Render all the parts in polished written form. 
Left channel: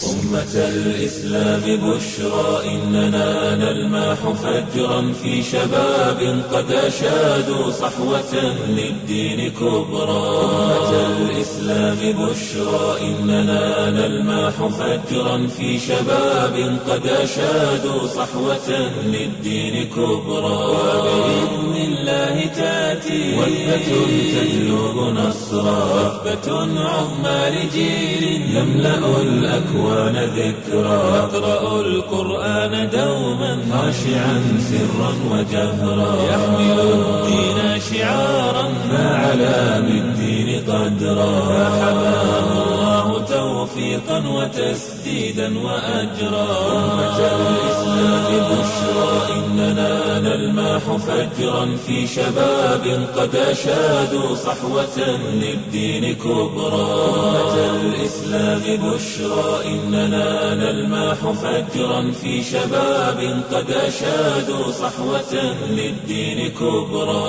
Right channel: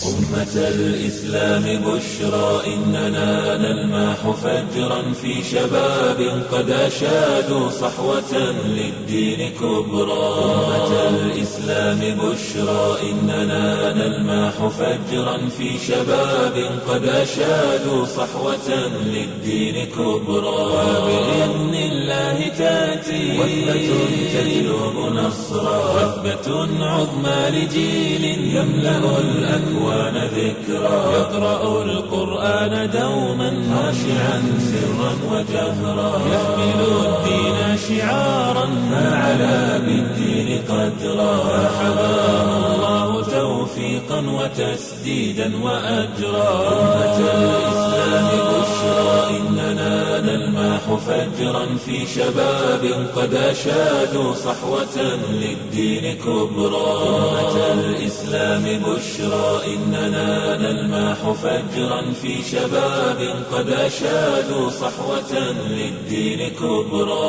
أمة الإسلام بشرى إننا نلمح فجرا في شباب قد أشادوا صحوة للدين كبرى. أمة الإسلام بشرى إننا نلمح فجرا في شباب قد أشادوا صحوة للدين كبرى. وبإذن الله تأتي وثبة تجلب نصرا، وثبة عظمى لجيل يملأ الأكوان ذكرى. يقرأ القرآن دوما خاشعا سرا وجهرا، يحمل الدين شعارا فعلى بالدين قدرا. فحماه الله توفيقا وتسديدا وأجرا. أمة الإسلام بشرى إننا نلمح فجرا في شباب قد أشادوا صحوة للدين كبرى. أمة الإسلام بشرى إننا نلمح فجرا في شباب قد أشادوا صحوة للدين كبرى.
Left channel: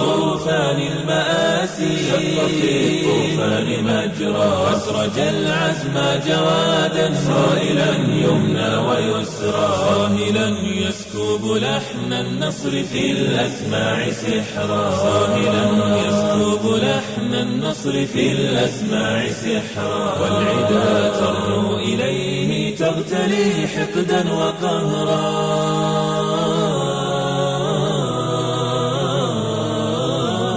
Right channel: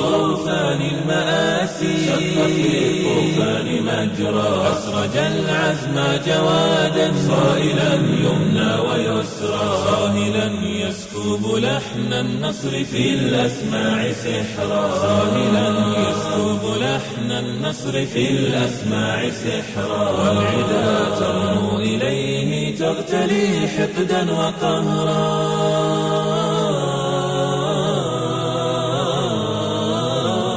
طوفان المآسي شق في الطوفان مجرى، أسرج العزم جوادا صائلا يمنى ويسرى، صاهلا يسكب لحن النصر في الأسماع سحرا، صاهلا يسكب لحن النصر في الأسماع سحرا. والعدا ترنو إليه تغتلي حقدا وقهرا.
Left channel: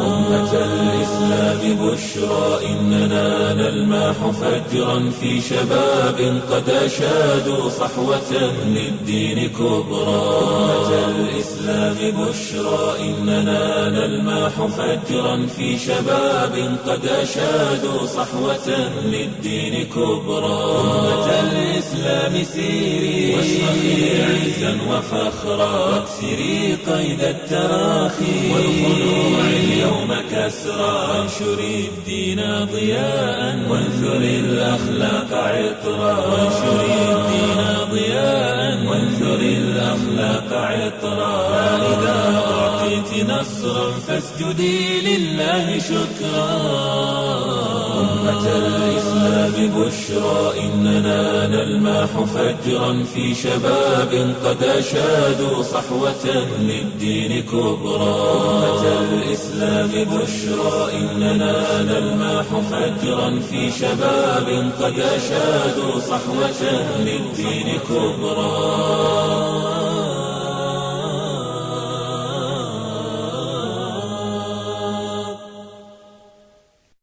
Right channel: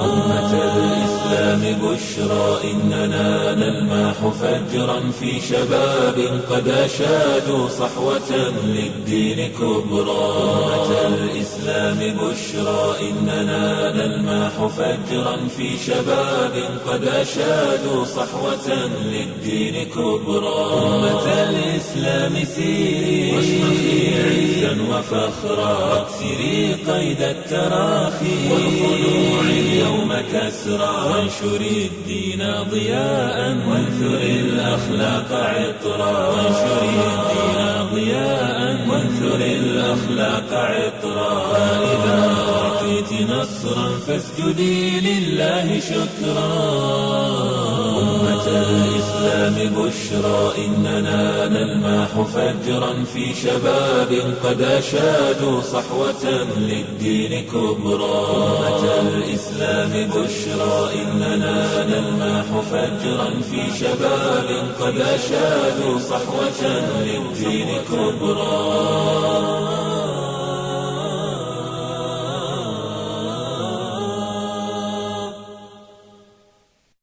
أمة الإسلام بشرى إننا نلمح فجرا في شباب قد أشادوا صحوة للدين كبرى. أمة الإسلام بشرى إننا نلمح فجرا في شباب قد أشادوا صحوة للدين كبرى. أمة الإسلام سيري واشرخي عزا وفخرا، واكسري قيد التراخي والخنوع اليوم كسرى. وانشري الدين ضياء وانثري الأخلاق عطرا، وانشري الدين ضياء وانثري الأخلاق عطرا. فإذا أعطيت نصرا فاسجدي لله شكرا. أمة الإسلام بشرى إننا نلمح فجرا في شباب قد أشادوا صحوة للدين كبرى. أمة الإسلام بشرى إننا نلمح فجرا في شباب قد أشادوا صحوة للدين كبرى.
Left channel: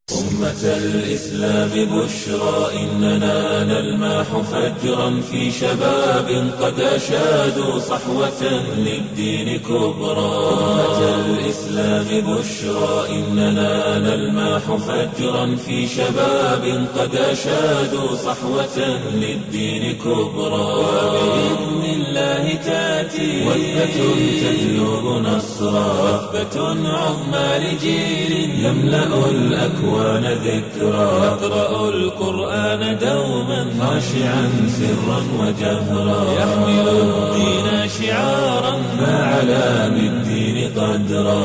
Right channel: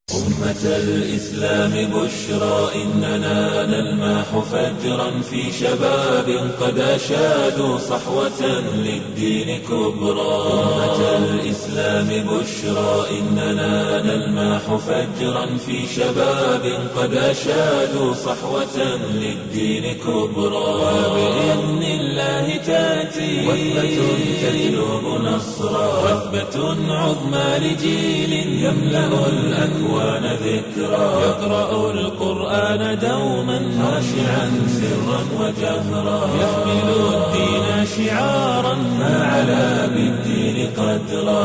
أمة الإسلام بشرى إننا نلمح فجرا في شباب قد أشادوا صحوة للدين كبرى. أمة الإسلام بشرى إننا نلمح فجرا في شباب قد أشادوا صحوة للدين كبرى. وبإذن الله تأتي وثبة تجلب نصرا، وثبة عظمى لجيل يملأ الأكوان ذكرى. يقرأ القرآن دوما خاشعا سرا وجهرا، يحمل الدين شعارا فعلى بالدين قدرا.